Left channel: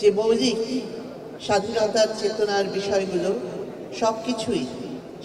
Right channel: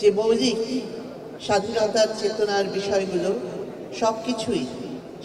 যে মৌলিক স্বাধীনতার চেতনার বিষয়গুলো সব কিছুই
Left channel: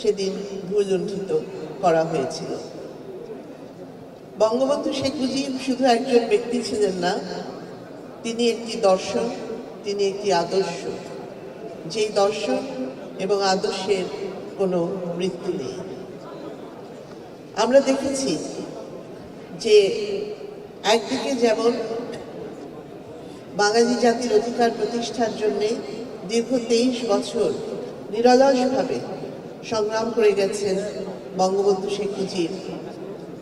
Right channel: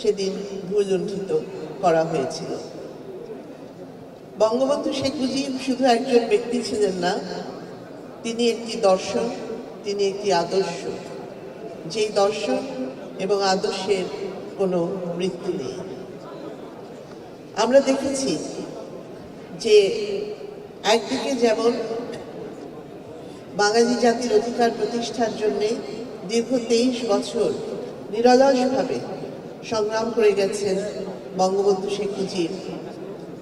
সেদিন ভূলুণ্ঠিত করা হয়েছিল বঙ্গবন্ধু শেখ মুজিব শুধু একজন ব্যক্তি ছিলেন না তিনি একটি দর্শন তিনি একটি আদর্শ যেই দর্শন এবং আদর্শের কোনো মৃত্যু নেই আমরা দেখেছি যে অল্প যেমন বাঙালি জাতির অধিকার প্রতিষ্ঠার জন্য দীর্ঘ তেইশ বছর নিরালাসভাবে সংগ্রাম করে গেছেন বঙ্গবন্ধু শেখ মুজিব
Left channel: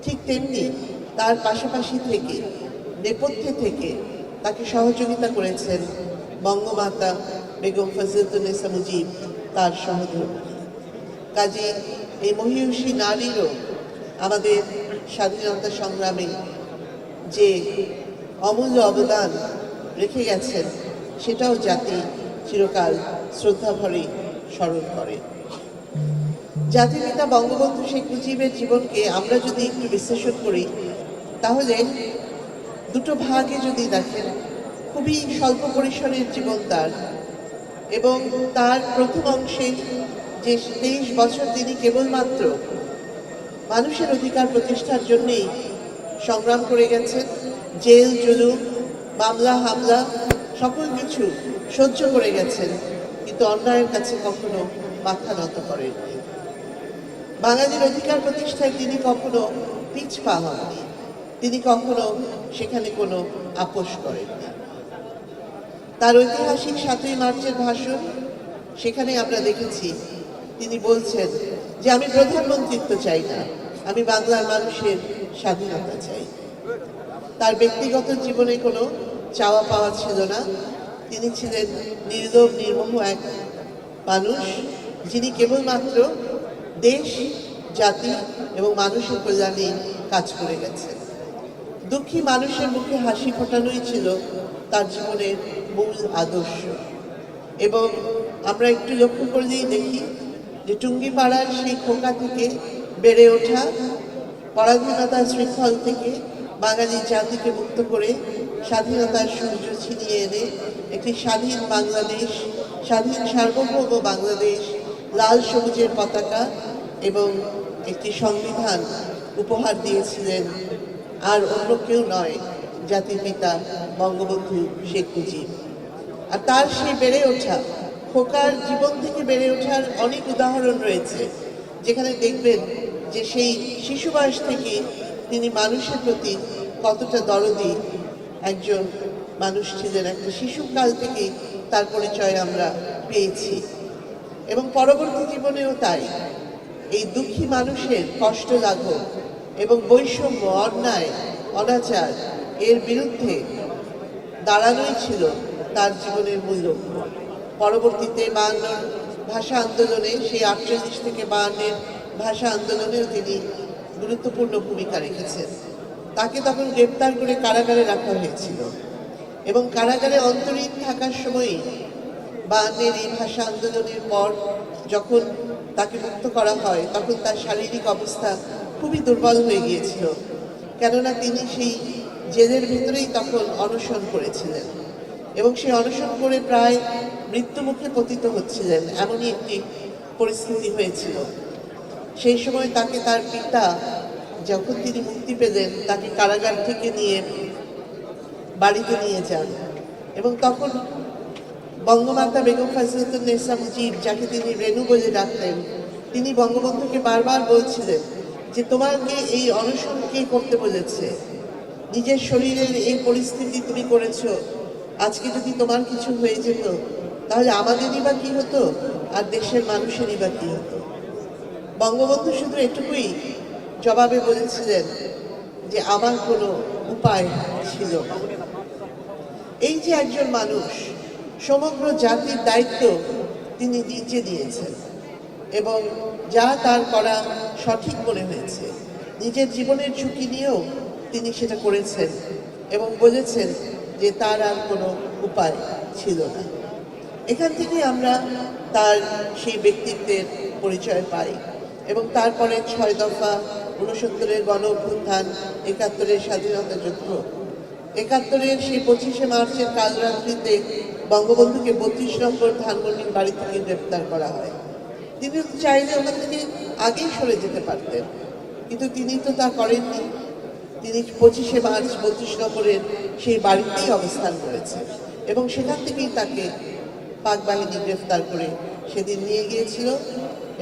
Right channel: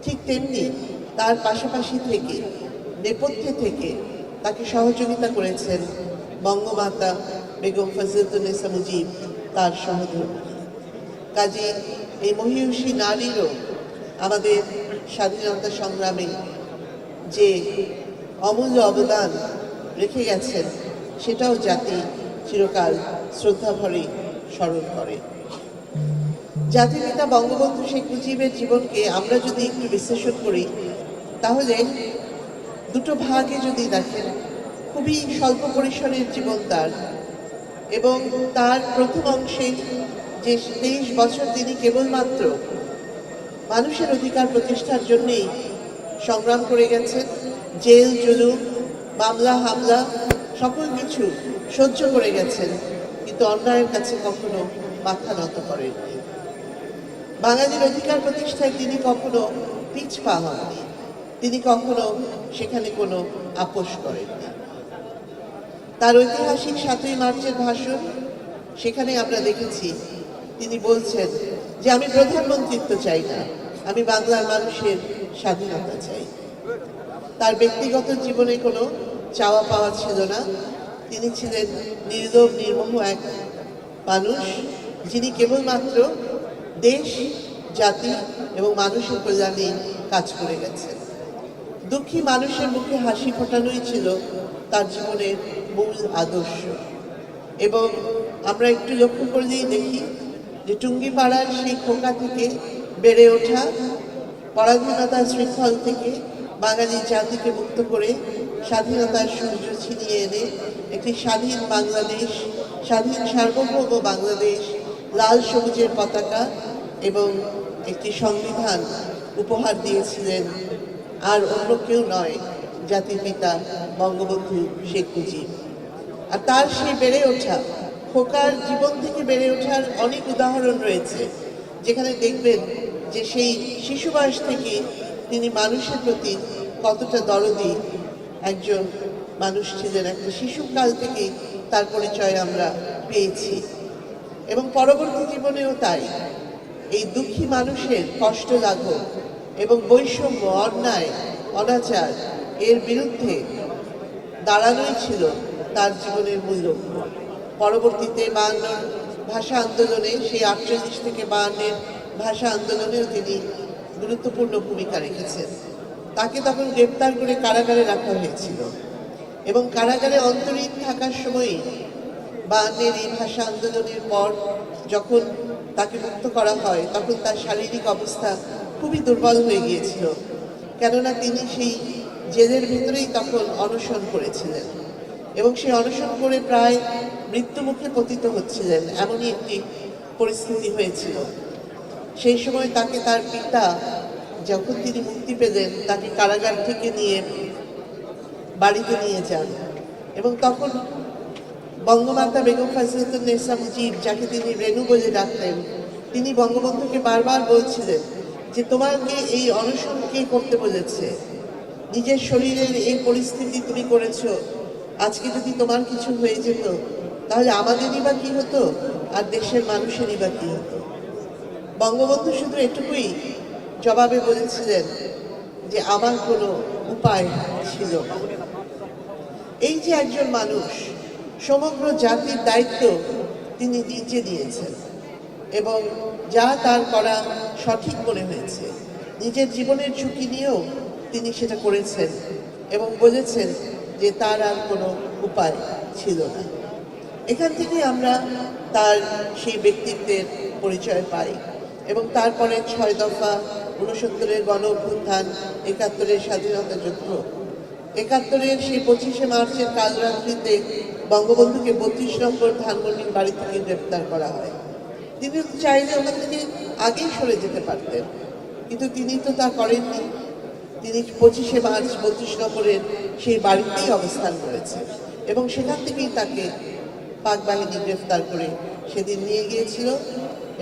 ঠিক তেমনি তার পাশাপাশি থেকে নেপথ্যে থেকে তাকে সহযোগিতা করেছেন বঙ্গমাতা বেগম ফজলতুলেসা মুজিব তার সহযোগী কাজে এই মহিষী নারীরও আমাদের স্বাধীনতা সংগ্রামে যে অমূল্য অবদান সেটাও জাতি চিরকাল শ্রদ্ধাভরে স্মরণ করে জাতির পিতা বঙ্গবন্ধু শেখ মুজিবের জীবনকে আমরা যদি একটু বিশ্লেষণ করি তাহলে দুটো ভাগে যদি দেখেন খুবই স্বল্প পরিসরের জীবন তার এবং তার প্রথম অংশে যে তেইশ বছর তিনি কেবলমাত্র মানুষের অধিকার প্রতিষ্ঠার জন্যই সংগ্রাম করে গেছেন জেল জুলুম মামলা হামলা সকল কিছু সহ্য করে গেছেন কিন্তু অন্যায়ের কাছে কখনো মাথা নত করেন বাঙালির অধিকার প্রতিষ্ঠায় তিনি কখনো পিছ পিছপা হননি তিনি কখনো সেখানে কোনো আপোষ করেননি তার ঐতিহাসিক সাতই মার্চের ভাষণ সেখানে আমরা দেখেছি তিনি বলছেন যে আমি প্রধানমন্ত্রিত্ব চাই না আমি বাংলার মানুষের স্বাধীনতা চাই তার ব্যক্তিগত জীবনে কোনো চাওয়া পাওয়া ছিল না তিনি ছিলেন নির্দম নির্মোহ এক মানুষ যিনি কেবলমাত্র দেশ জাতি এবং মানুষের কল্যাণে কাজ করে গেছে দুঃখী মানুষের মুখে হাসি ফোটানোই ছিল তার জীবনের মূল আদর্শ এবং আমরা একটু লক্ষ্য করলেই দেখি যে টুঙ্গিপাড়ার সেই খোকা থেকে বেড়ে ওঠা পরাধীনতার শৃঙ্খল থেকে বাঙালি জাতিকে মুক্ত করে স্বাধীনতার সূর্য ছিনিয়ে এনে একটি স্বাধীন বাংলাদেশ স্বাধীন সার্বভৌম বাংলাদেশ লাল সবুজের পতাকা এবং একটি সংবিধান উপহার দিয়েছিলেন আর অন্য কেউ নয় জাতির পিতা বঙ্গবন্ধু শেখ মুজিব আর তার সেই বেড়ে ওঠা খোকার জীবন থেকে বেড়ে ওঠার অনেক উদাহরণ রয়েছে যেখানে দেখবেন যে সেই শিশু বয়স থেকে তিনি মানুষের প্রতি কতটা দরদি একজন মানুষ ছিলেন একটা শিশুকাল থেকে তার পরিচয় আমরা পেয়েছি এবং পরবর্তী জীবনেও তাই এই দুঃখী মানুষের কষ্ট লাঘব এবং বৈষম্য অন্যায় অনাচার এর বিরুদ্ধে দাঁড়ানোই ছিল তার জীবনের মূল লক্ষ্য পরবর্তীতে বায়ান্নর ভাষা আন্দোলনে সেই আটচল্লিশ থেকে বায়ান্নের ভাষা আন্দোলনেও তিনি গুরুত্বপূর্ণ ভূমিকা রেখেছেন তাকে তখন গ্রেপ্তার করে কারাগারে রাখা হয়েছিল এবং কারাগারে অন্তরীণ থাকার সময়ে বাঙালির এই ভাষা আন্দোলনের পর যখন তাকে মুক্ত করা হয় তখন তার শারীরিক অবস্থা খুবই দুর্বল হয়ে গিয়েছিল কেননা তিনি সেই জেলের ভিতরেই তখন অনশন করেছিলেন এবং সেই অনশন করে প্রায় মৃত্যুমুখে পতিত হচ্ছিলেন এমনই একটি পরিস্থিতি হয়েছিল সেই সময় তাকে তার পিতা যখন তিনি মুক্তি পেলেন তাকে কারাগার থেকে নিয়ে বাড়িতে নিয়ে যান এবং তখন বঙ্গমাতা বেগম ফাজিলতুল নেসা মুজিব যাকে তিনি রেণু বলে ডাকতেন তিনি বঙ্গবন্ধুকে বারবার বলছিলেন যে তোমাকে এই অনশন কে করতে বলেছে নিজের শরীরের এই পরিস্থিতি তুমি করেছ আজকে যদি তোমার কিছু হয়ে যেত তাহলে আমাদেরই বা কী হতো আর দেশের মানুষেরই বা কী হতো বঙ্গবন্ধু শুধু এটুকুই জবাবে বলেছিলেন যে আমার কোনো উপায় ছিল এই যে একজন মানুষ সমগ্র জাতির দায়িত্ব তিনি নিজে দিয়েছেন এবং যা তার করা সঠিক মনে হয়েছে নিজের জীবনের ঝুঁকি নিয়েও তিনি সেটা করেছেন এবং বলেছেন যে তার আর কোনো উপায় ছিল না এখান থেকে আমরা তার সেই ব্যক্তিত্বের পরিচয় পাই এবং তারপরে ছয় দফা ঊনসত্তরের গণ অভ্যুত্থান একাত্তরের স্বাধীনতা যুদ্ধ একাত্তরের সেই পঁচিশে মার্চের কালরাত্রিতে বঙ্গবন্ধুকে বত্রিশ নম্বর ধানমন্ডির বাড়ি থেকে গ্রেপ্তার করা হয় তিনি চাইলে আমরা তিনি আগেই সরে যেতে পারতেন কিন্তু তিনি তো তা করেননি তিনি পঁচিশে মার্চ বত্রিশ নম্বরের সেই বাড়িতেই অবস্থান করেছেন এবং সেখান থেকেই তাকে পাক বাহিনী গ্রেফতার করে সেদিন নিয়ে গিয়েছিল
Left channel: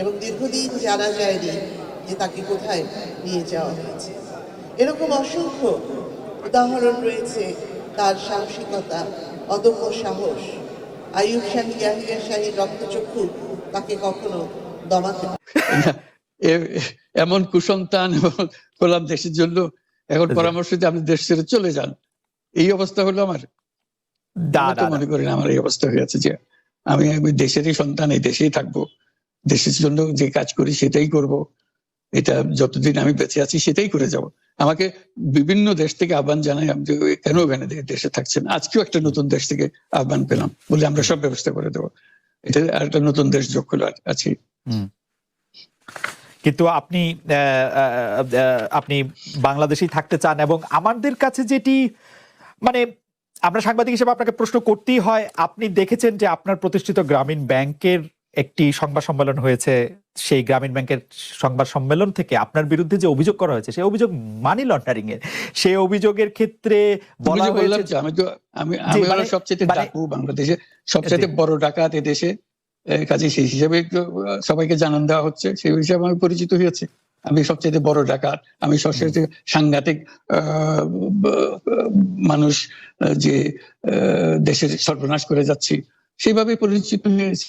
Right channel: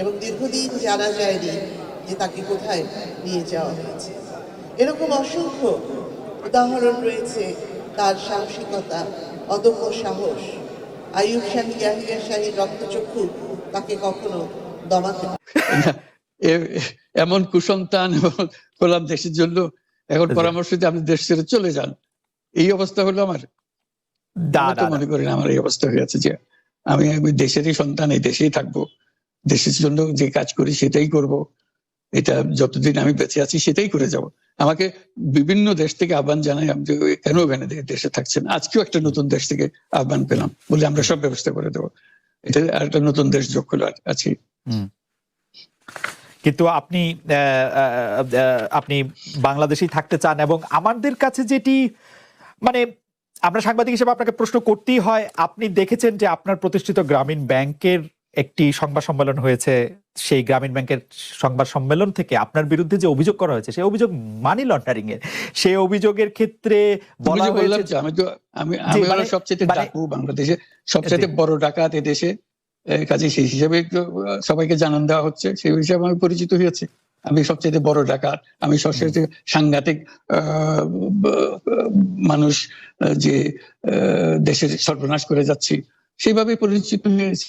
এবং দীর্ঘদিন জানা যায়নি যে তাকে কোথায় নিয়ে যাওয়া হয়েছে এরকম অসংখ্য উদাহরণ রয়েছে তার সাহসিকতা অদম্য সাহস আয়ুব ইয়াহিয়া শাহী রক্তচক্ষু তাকে কখনো দমাতে এমন কুসন্তান দেশের জন্য এখন আচ্ছা। পরামর্শ দিয়ে আপনি দেশ ছেড়ে চলে যান এই অবস্থা হলো আমার মনে করি আমার এই অবস্থা হয়ে যে আমি আমি দেশেরই সন্তান এই দেশেই থাকবো দেশের জন্য যে কাজ করি সেটাই করব এটা যতদিন আমি বেঁচে আছি সেটাই করে যাব আমাকে বিভিন্ন দেশ থেকে আহ্বান জানাই আমি কেন এখানে দেশে থাকছেন আজকেও একটা নতুন দেশ থেকে আহ্বান পেলাম বলে আমরা সব ব্যবস্থা করে দেবো এটা একটা নতুন দেশ যোগ হলো আছি কিন্তু আপনি আপনি বাংলাদেশেই থাকতে চান এবং আমাদের কাছে যেটি মানে আমরা সাংবাদিক হিসেবে আপনাকে প্রশ্ন করতেই হয় আপনি দেখেছেন যে আপনার প্রতিষ্ঠিত গ্রামীণ ব্যাংকের একটি সংবাদ সম্মেলন হয়েছে সেই গ্রামীণ ব্যাংকের সংবাদ সম্মেলন থেকে আপনার বিরুদ্ধে যে অভিযোগ করা হয়েছে সেই অভিযোগ মানি লন্ডারিং এর সেই অভিযোগের ক্ষেত্রে বলা হয়েছে আমি তো আমি আমি হলো মানে- সবচেয়ে মানে- ডাকু বাংলাদেশে সবচেয়ে বড় ডাকাত দেশে কাজে সেই হিসাবে সবাইকে জানান দেওয়া হচ্ছে সেই হিসাবে আমি পরিচিত হয়েছে আমি সবচেয়ে বড় ডাকাত আমি সবচেয়ে সাংঘাতিক যে দেশের সর্বনাশ করে যাচ্ছি সেভাবে পরিচিত হয়েছে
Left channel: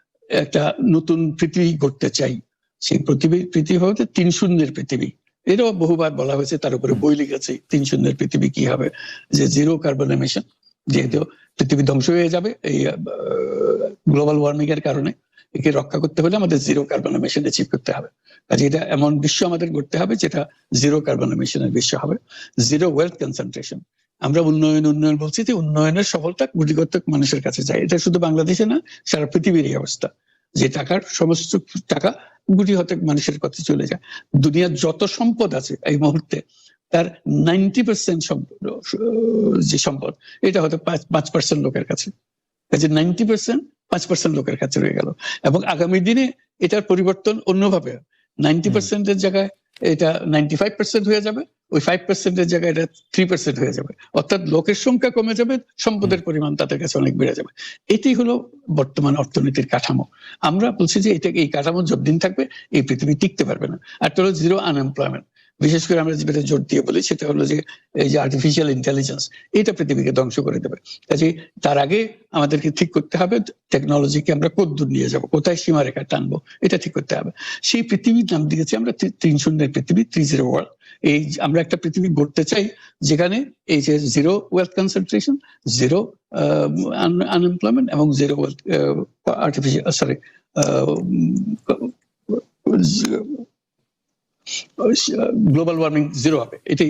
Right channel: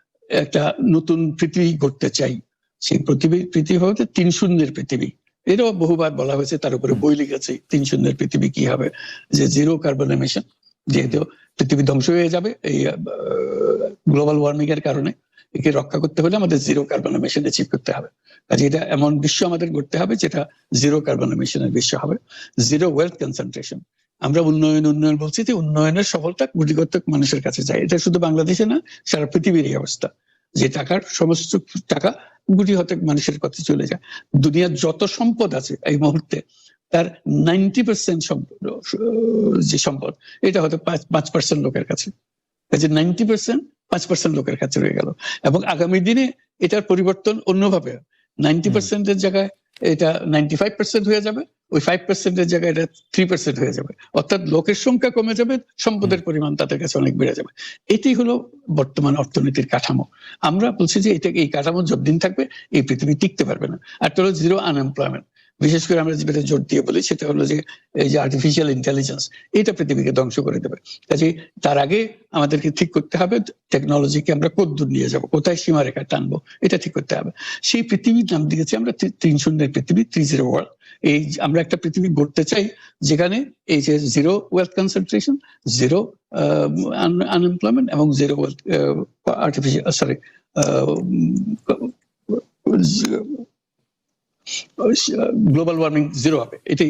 একটা নতুন পৃথিবী গড়তে চাই সেই পৃথিবী পৃথিবী হবে তিন শূন্যের পৃথিবী এরও বহুবার বলা হয়েছে তার উপরে বই লিখেছে তিন শূন্যের পৃথিবী কি হবে যে জিরো কার্বন এমিশন যেহেতু পৃথিবী ধ্বংস হয়ে যাবে এই গ্লোবাল ওয়ার্মিং এর কারণে একে রক্ষা করতে হলে আমাদের জিরো কার্বন এমিশন অ্যাচিভ করতে হবে কাজে এটা এমন বিশ্ব আমাদের করতে হবে যেটা জিরো কার্বন এমিশনের বিশ্ব হবে জিরো ওয়েলথ কনসেন্ট্রেশন আমরা উন্নয়ন উন্নয়ন বলছি যে উন্নয়নের সফলতা কোটি কর্তক মানুষের কাছে যায় এটা শুধু বাংলাদেশে না সারা পৃথিবীর অবস্থা যে টাকার সমস্ত টাকা গুটি হতক মানুষের কাছে চলে যায় দুনিয়ার যত সম্পদ আছে এই মুহূর্তে তার নাইনটি পার্সেন্ট সম্পদ যে সম্পদ এটা হয়তো পাঁচ পার্সেন্ট লোকের কাছে এই যে নাইনটি পার্সেন্ট পাঁচ পার্সেন্ট লোকের কাছে রয়ে গেল এবং আগামী দিনে এটার পরিবর্তন অন্যভাবে নাইনটি পার্সেন্টের জায়গায় এটা নাইনটি ফাইভ পার্সেন্ট হয়ে যাবে ওই ফাইভ পার্সেন্টের জায়গায় এটা থ্রি পার্সেন্ট হয়ে যাবে অর্থাৎ লোকের সংখ্যা কমে যাবে সম্পদের পরিমাণ তাদের কাছে অনেক বেড়ে যাবে এটি হলো বর্তমান অর্থনীতির কাঠামো আমরা বলছি যে এটা এই কাঠামো যতদিন থাকবে এই পৃথিবী টিকতে পারবে না একটা হলো জিরো আনএমপ্লয়মেন্ট বিশেষ করে আমরা যেটা জোর দিয়ে বলি সেটা হলো যে এই যে আর্টিফিশিয়াল ইন্টেলিজেন্স এটা পৃথিবীকে ধ্বংস করে দেবে কাজে তার আগে আমাদেরকে ঠিক করতে হবে টেকনোলজিকে আমরা কত দূর নিয়ে যাবো কোথায় সীমারেখা টানবো এটা ঠিক করতে হবে সেই পৃথিবীর নাম দিয়েছি আমরা তিন শূন্যের পৃথিবী থ্রি জিরো ওয়ার্ল্ড এই আমরা একটা পৃথিবী গড়তে চাই যেখানে এই যে zero wealth concentration zero unemployment এবং zero wealth artificial sorry global warming zero হবে এটাই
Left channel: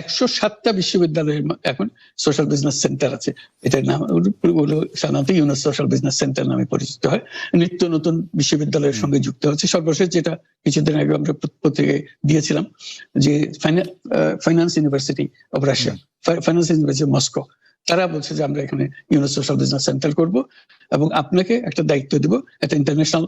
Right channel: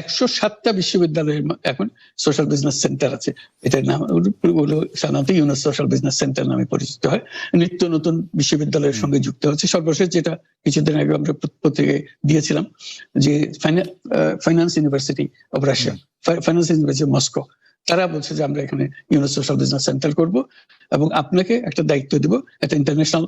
একশো সাতটা বিশ্ববিদ্যালয়ের এখন সোশ্যাল বিজনেস সেন্টার আছে এটার নাম হলো ইউনেস সোশ্যাল বিজনেস সেন্টার নামে পরিচিত হয় নিত্য নতুন বিশ্ববিদ্যালয়ের সঙ্গে যুক্ত হচ্ছে সর্বশেষ যেটা কিছুদিন আগে আমরা প্রত্যেকে দিয়েছিলাম যে finance university operation finance university Moscow তারা বলছে যে আমরা এখানে ইউনো সোশ্যাল বিজনেস সেন্টার করব এবং আপনাকে একটা দায়িত্ব দেব একটা ইন্টারন্যাশনাল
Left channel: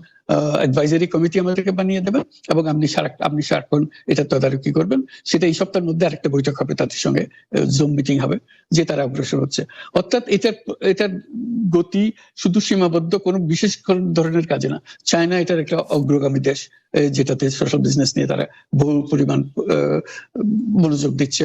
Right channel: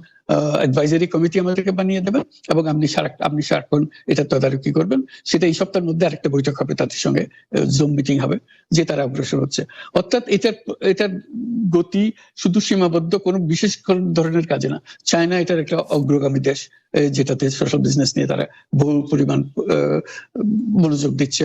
অ্যাডভাইজারি কমিটি আমাদেরকে বানিয়ে দেবেন এবং আপনি সারা আপনি সারাক্ষণ এটা তদারকি করবেন সেটা এই সপ্তাহের মধ্যে আরেকটা বৈঠক হবে তাদের সঙ্গে জুম মিটিং হবে যে তারা অগ্রসর হচ্ছে অর্থাৎ এটার এটার গতি শুধু সীমাবদ্ধ কোনো বিশেষ কোন ধরনের কাজে না চায়না এটার একটা অগ্রগামী দেশ যেটাতে সোশ্যাল বিজনেস নিয়ে তারা বহু পরিমাণ মনোযোগ দিচ্ছে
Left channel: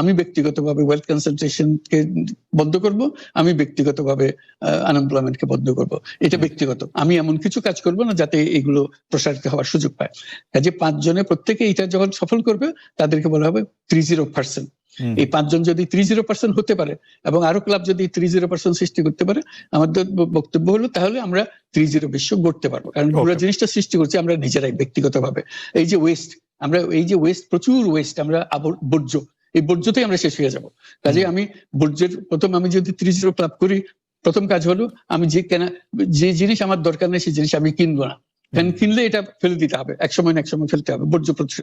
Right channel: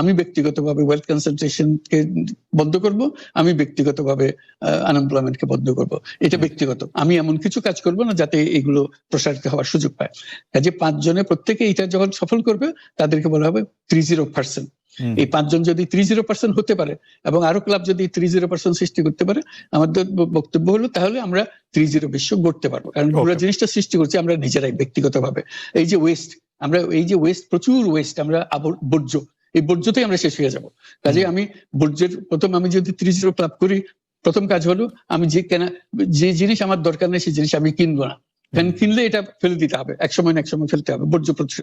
আমি ব্যক্তিগতভাবে ওয়েলথ কনসেন্ট্রেশন কে বদ্ধ করব আমি ব্যক্তিগতভাবে আনএমপ্লয়মেন্ট কে বদ্ধ করব এটা ব্যক্তিগত আমি এমন কিছু কাজ করব না যাতে এগুলো প্রসারিত হওয়ার সুযোগ পায় আচ্ছা, পাঁচ জনের প্রত্যেকে এটা যখন সফল করবে তাদেরকে বলা হবে থ্রি জিরো পার্সেন্ট এই পাঁচজন যদি থ্রি জিরো পার্সেন্ট হতে পারে এবং আরো ক্লাব যদি থ্রি জিরো পার্সেন্ট সৃষ্টি করতে পারে আমাদের বক্তব্য হলো তাহলে আমরা থ্রি জিরো বিশ্ব গড়তে পারি কারণ আমরা জিনিসটা সৃষ্টি করছি আমরা নিজেরাই ব্যক্তিগতভাবে এই যে ওয়েস্ট আমরা এই যে ওয়েস্ট প্রচুর ওয়েস্ট আমরা বর্জ্য এই বর্জ্যতেই আমরা শেষ হয়ে যাবো তাহলে আমি বর্জ্যের প্রথম আমি যদি ত্রিশ জিরো লাভ করি প্রথম কাজ হলো আমি যে কেনা যে জিনিস আমার দরকার নেই সেই জিনিস আমি কিনবো না কারণ কিনলে এটা ফেলে দিতে হবে এক সময় এক সময় ফেলতে হবে বর্জ্য